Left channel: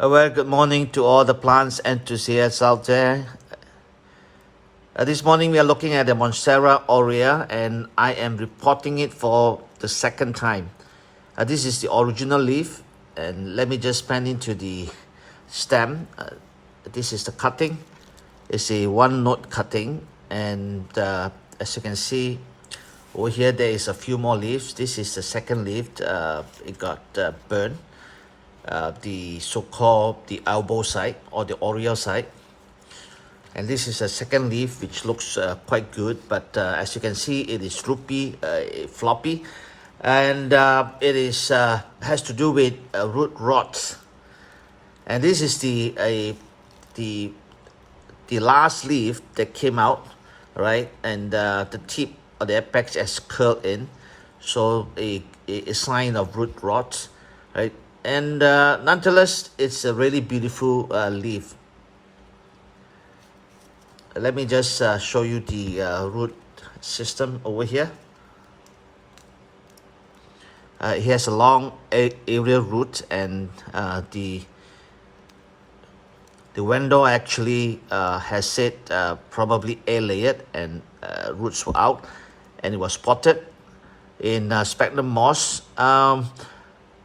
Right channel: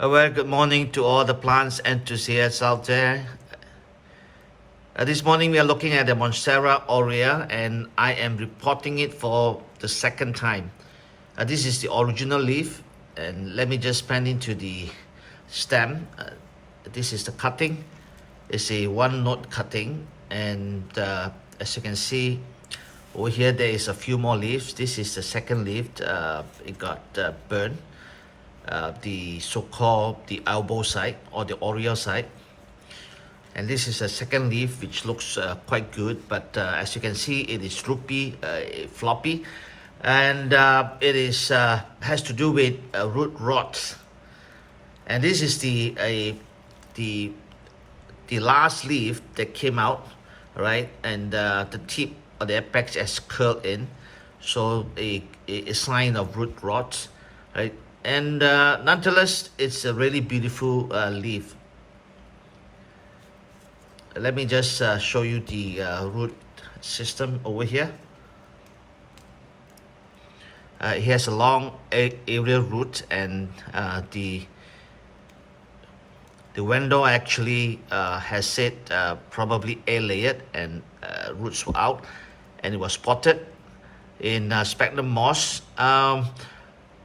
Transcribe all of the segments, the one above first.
A very good morning to all the plants enthusiasts out there. This morning we are looking at the Monstera Aurea, and I am repotting it for the second time. This is the original leaf, and let me just pan into the stem. This is the cutting. It's a one note cutting, and as you can see over here there is a few more leaves. This is the second leaf. It got burned. The so-called the elbow side or the Aurea side, and this is a second leaf which looks quite good, but as you can see it is droopy, floppy, and it is has to do with root rot. And this is the last leaf that came out, right? And the tip or the apex has curled in, so a sign of root rot, right? And nonetheless, it's a really beautiful leaf. Let me just show you the root system over here. It has a long aerial root, and the window actually has said probably A-layered, and roots were out, and it was potted in Sphagnum Moss.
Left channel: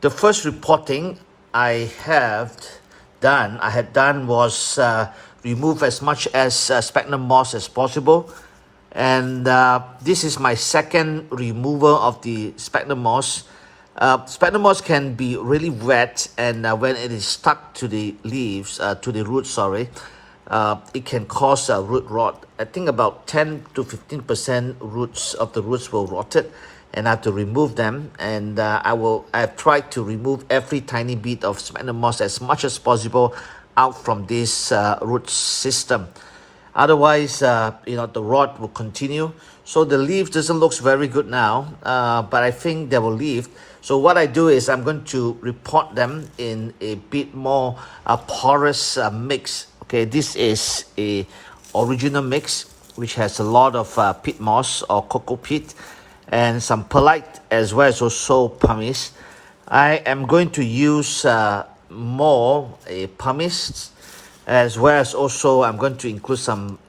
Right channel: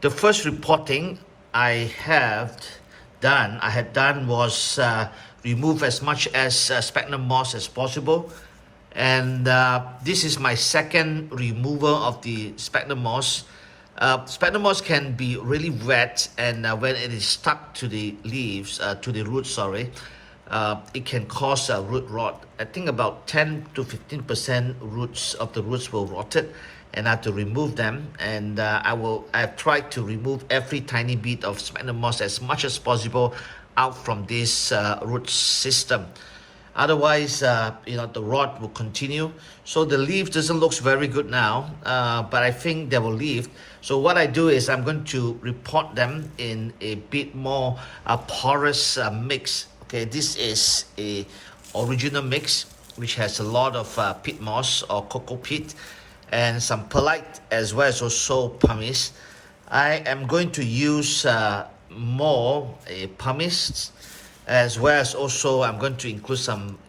The first repotting I had done was remove as much as Sphagnum Moss as possible, and this is my second removal of the Sphagnum Moss. Sphagnum Moss can be really wet, and when it is stuck to the leaves, to the roots, sorry, it can cause root rot. I think about 10 to 15% roots of the roots will rot it, and I have to remove them. And I've tried to remove every tiny bit of Sphagnum Moss as much as possible out from this root system. Otherwise, the rot will continue. So the leaf doesn't look very good now, but I think they will leave. So what I do is I'm going to repot them in a bit more porous mix. Okay, this is a original mix which has a lot of peat moss or cocoa peat, and some perlite, as well as also pumice. I am going to use more pumice, as well as also I'm going to include some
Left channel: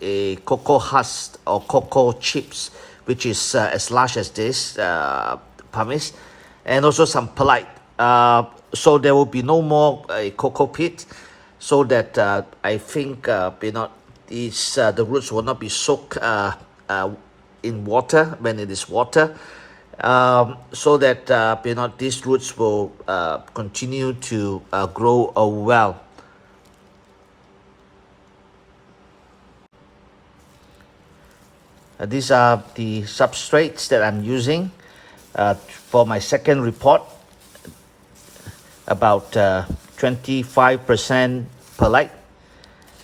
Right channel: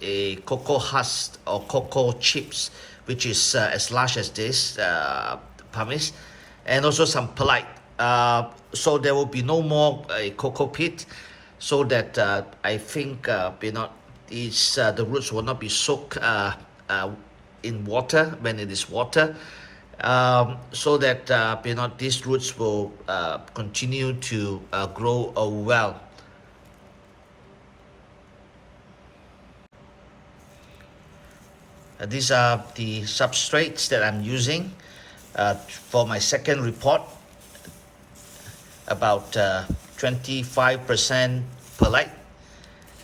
cocoa husk or cocoa chips, which is as large as this pumice, and also some perlite. So there will be no more cocoa peat, so that I think the roots will not be soaked in water when it is water, so that these roots will continue to grow well. These are the substrates that I'm using for my second repot. About 25% perlite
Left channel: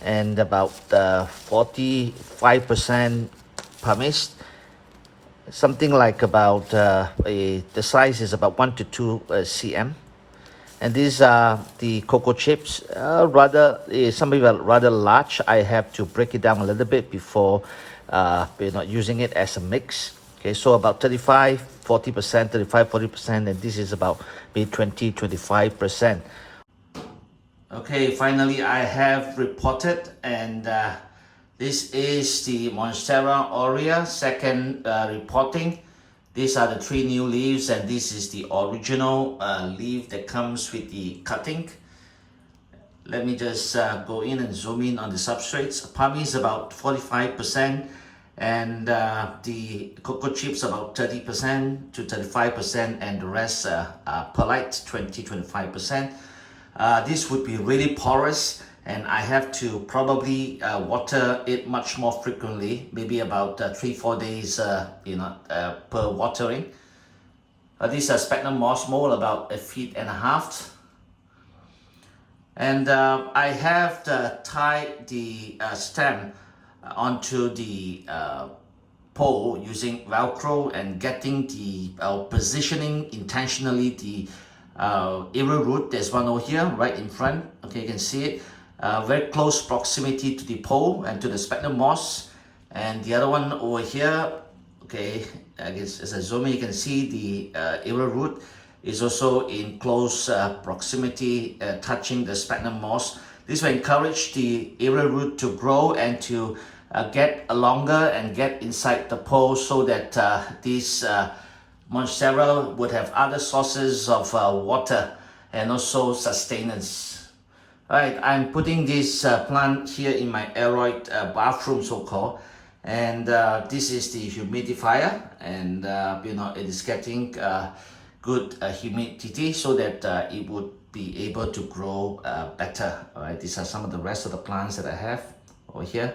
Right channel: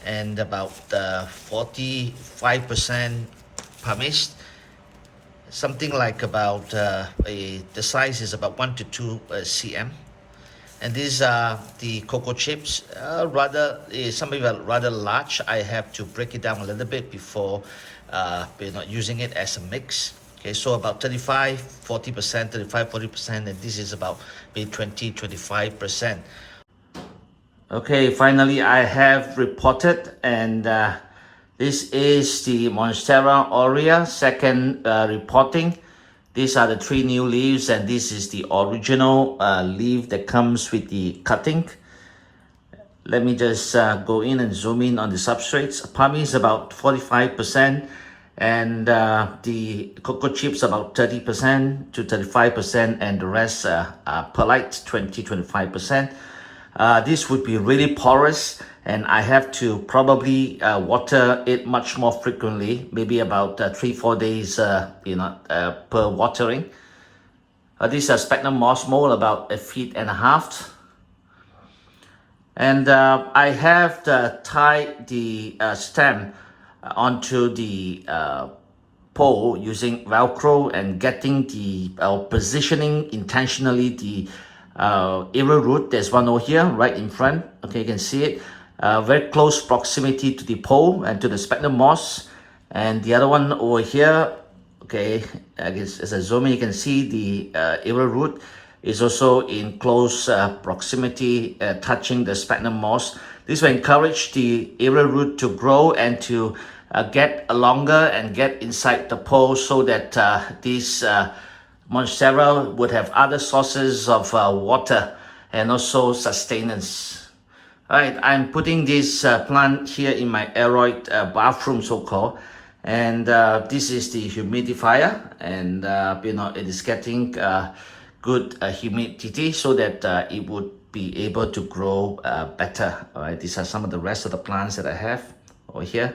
and about 45% pumice. Something like about the size is about 1 to 2 cm. And these are the cocoa chips. Some of them are rather large. I have to break it down a little bit before using it as a mix. Okay, so about 35-40%, 35-40%, and this is about maybe 20-25%. Okay, finally I have repotted, and this is the Monstera Aurea second repotting. These are the 3 new leaves, and this is the original leaf that comes with the cutting. Let me just go in and zoom in on the substrates. Pumice about 45%, and the cocoa chips about 30% to 35%, and the rest perlite 20-25%. This would be really porous, and I have to probably water it much more frequently, maybe about 3-4 days per watering. These are Sphagnum Moss mold, about 1.5 feet. And I have tied the stem onto the pole using Velcro, and getting the positioning intentionally the aerial root. There's one over here right in front. Okay, you can see it. Very close proximity to the pole and to the Sphagnum Moss. And the other one over here, okay, I guess as I zoom in, you can see the aerial root. is also in close proximity, touching the sphagnum moss. This will encourage the aerial root to grow and to get longer and get inside the pole, so that this Monstera would have other sources of water and also sustenance. Alright, I'm putting this plant here in my aeroid bathroom, so-called, and this is the humidifier, and it is getting good humidity, so that it would be able to grow better. Alright, these are some of the rest of the plants that I have over here.